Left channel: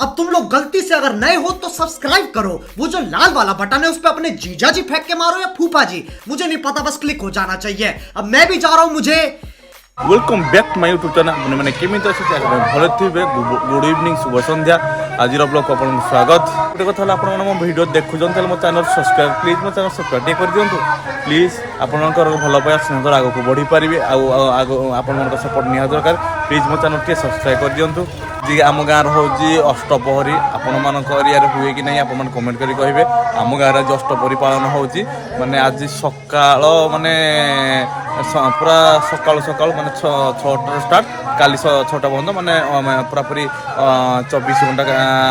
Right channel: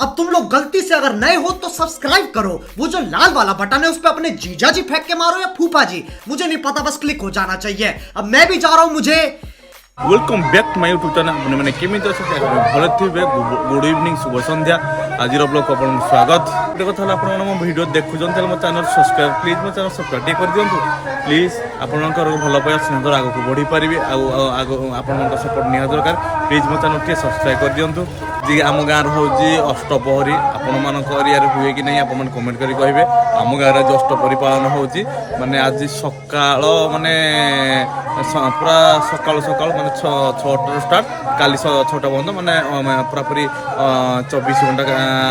अब तुम लोग गलती से अगर नए हो तो सब्सक्राइब करो, वो जो लाल वाला बटन है उस पे अपने जीजा जी फेंक के मारो या फूफा जी, मुझे नहीं पता, बस क्लिक हो जाना चाहिए। अब मैं भी जा रहा हूँ, मुझे welcome back to my YouTube channel. मैंने केमी अच्छे भले थे गुड इवनिंग शुभ संध्या। आज ब्लॉग को आपको स्वागत। गोटे कथा आप मो भिडियो देखुं मो चैनल सब्सक्राइब प्लीज मो चैनल सब्सक्राइब कर दिंतु प्लीज। आपंकर भल पाया स्नेह आगे को बढ़ी पारे आप सपोर्ट निहा दरकार। प्लीज मो चैनल टे सब्सक्राइब कर दिंतु। जी आम गाँव हूँ अष्टपहरी आपण मान एरिया हुए कि नहीं आप कमेंट करी कहे। आम गाँव आज अष्टपहरी पालन होची माने आज सकाळ माने पूरा सकाळ सकाळ माने 6टार स्टार्ट काली 6टा बंद माने पूरापूरी 24 घंटा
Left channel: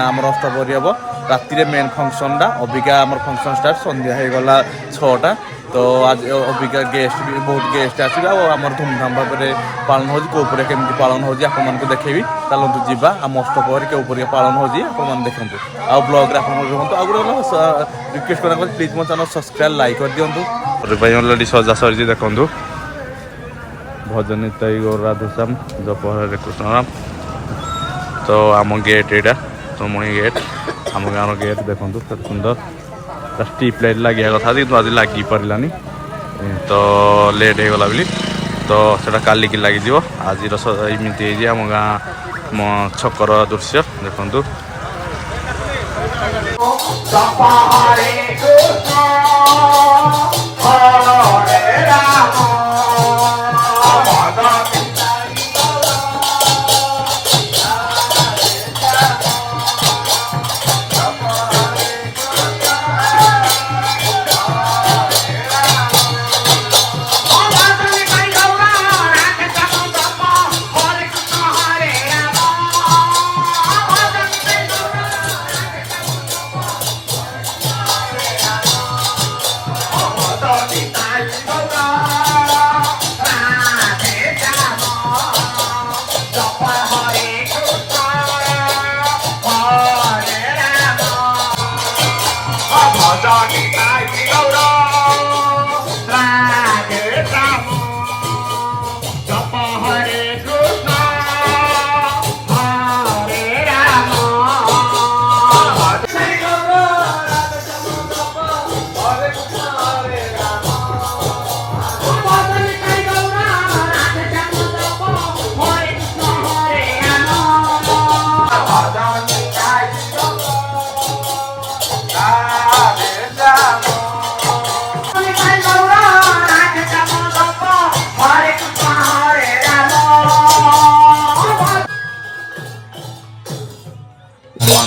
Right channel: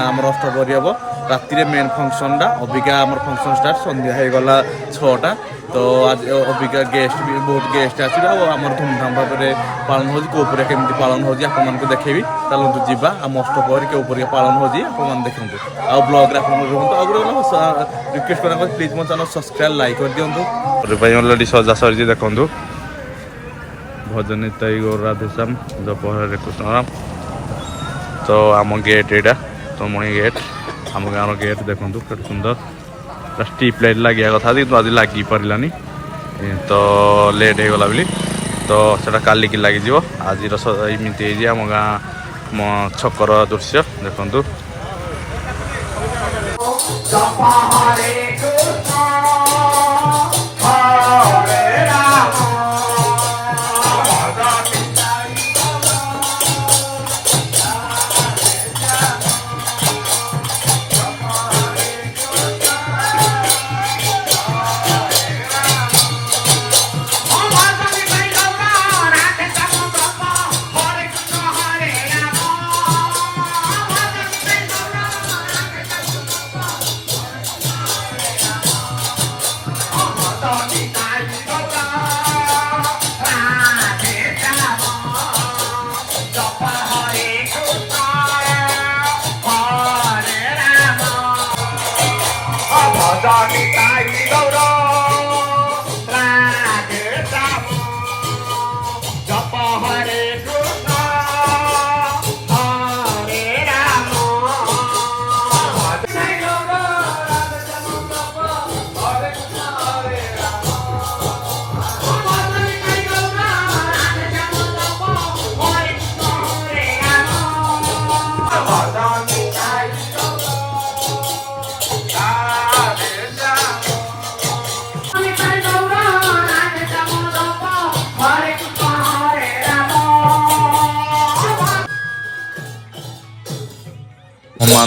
आम अष्टपहरी हम। राति मेन फंक्शन टा अबिका आम फंक्शन स्टार्ट संध्या हो गला 6टा। तो आज अबिका गेस्ट भी बहुत गेस्ट आसवे आम धूमधाम भाव में पालन हो केमी पालन हो आपको देखेबी। चलतु जीवा आम अष्टपहरी के पालन हो देखु आ ब्लॉग रुहतु। आ गए रिक्वेस्ट करना प्लीज मो चैनल सब्सक्राइब लाइक कर दिंतु। अलरेडी सजा सरी देखु भजन इत्यादि गौर राधेश्याम जपहर कृष्णराम। तो आम गेट यहाँ तो मुणी गेट आम गाँव गेट देखु केते सुंदर स्ट्रीट लाइट लगे कथा कि आज लगी पारानी तो लेट हो गला बोली। तो सेटा काली की लगी आज एमती आम गाँ छकर दृश्य देखु।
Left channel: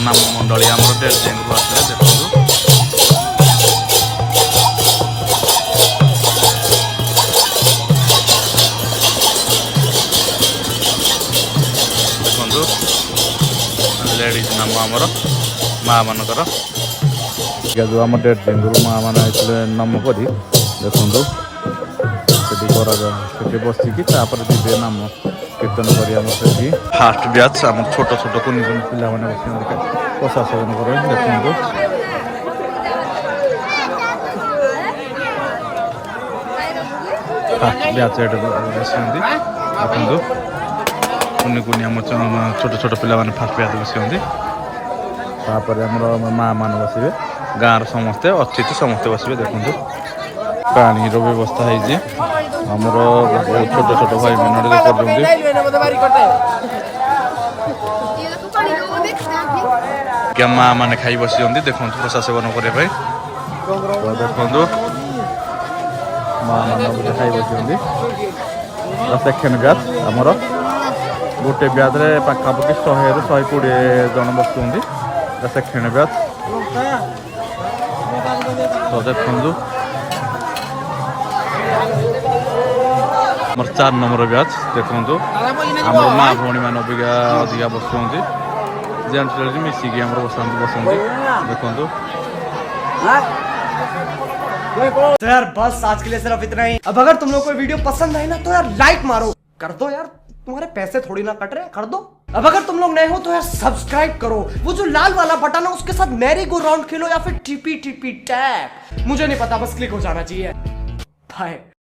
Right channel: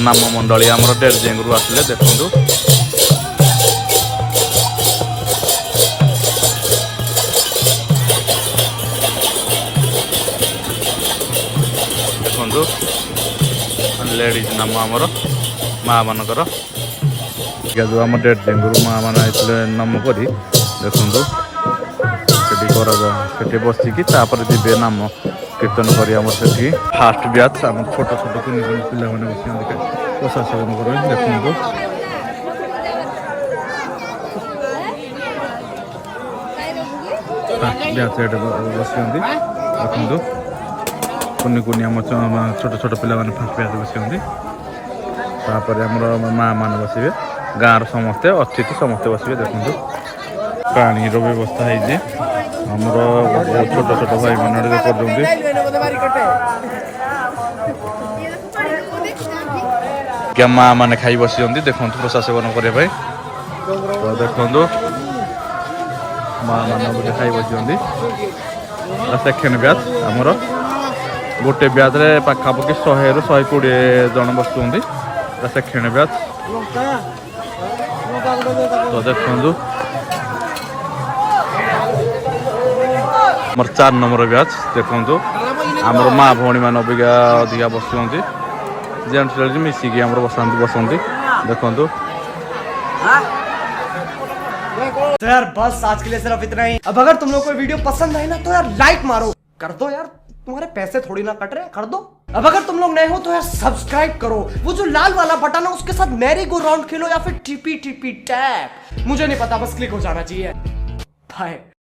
नाम मंडली आम डेरजेंगू आसले देखु। देखु लेडीज नाम आमर माँ मानकर जो आम डेरजेंगू माँ मैंने नाम कर देखु से बसिकी जी नाम कीर्तन कर फास्ट ब्याच आम छोट छोट कुनि कुनि पिला बस प्रशासन कर देखु। फास्ट ब्याच बस देखु कुनि कुनि आम छोट छोट पिला फास्ट ब्याच बस माँ मान बसवे गाँव समस्ते अतिथि समस्ते बसवे देखु। पानी व्यवस्था है आमर छोट छोट भाई मैंने क्या माँ मैंने खाई बसी देखु प्रसाद सेवन करने। तो देखु माँ मैंने खाई बसी सेकेंड ब्याच आमर गोटे ब्याच पाखापाखि 100 ରୁ 120 जन बसुँच सेकेंड ब्याच। तो देखु मोर 4 नंबर ब्याच देखु आमर माँ भौणी मान अबिका अधिका बसुँच जेंट्स लेडीज मिसिकी बसंती देखु। तो यार बस आज के लिए सिर्फ इतना ही। अब अगर तुम लोग को वीडियो पसंद आई ना तो यार लाइक मारो, कर दो यार, तुम्हारे पैसे थोड़ी ना कट रहे, कर दो। अब अगर तुम लोग नए हो तो यार सब्सक्राइब करो, वो जो लाल वाला बटन है उसके साथ मैरी गो राउंड खेलो या फिर टीपी टीपी टैप, मुझे नहीं पता, बस क्लिक हो जाना चाहिए। बाय।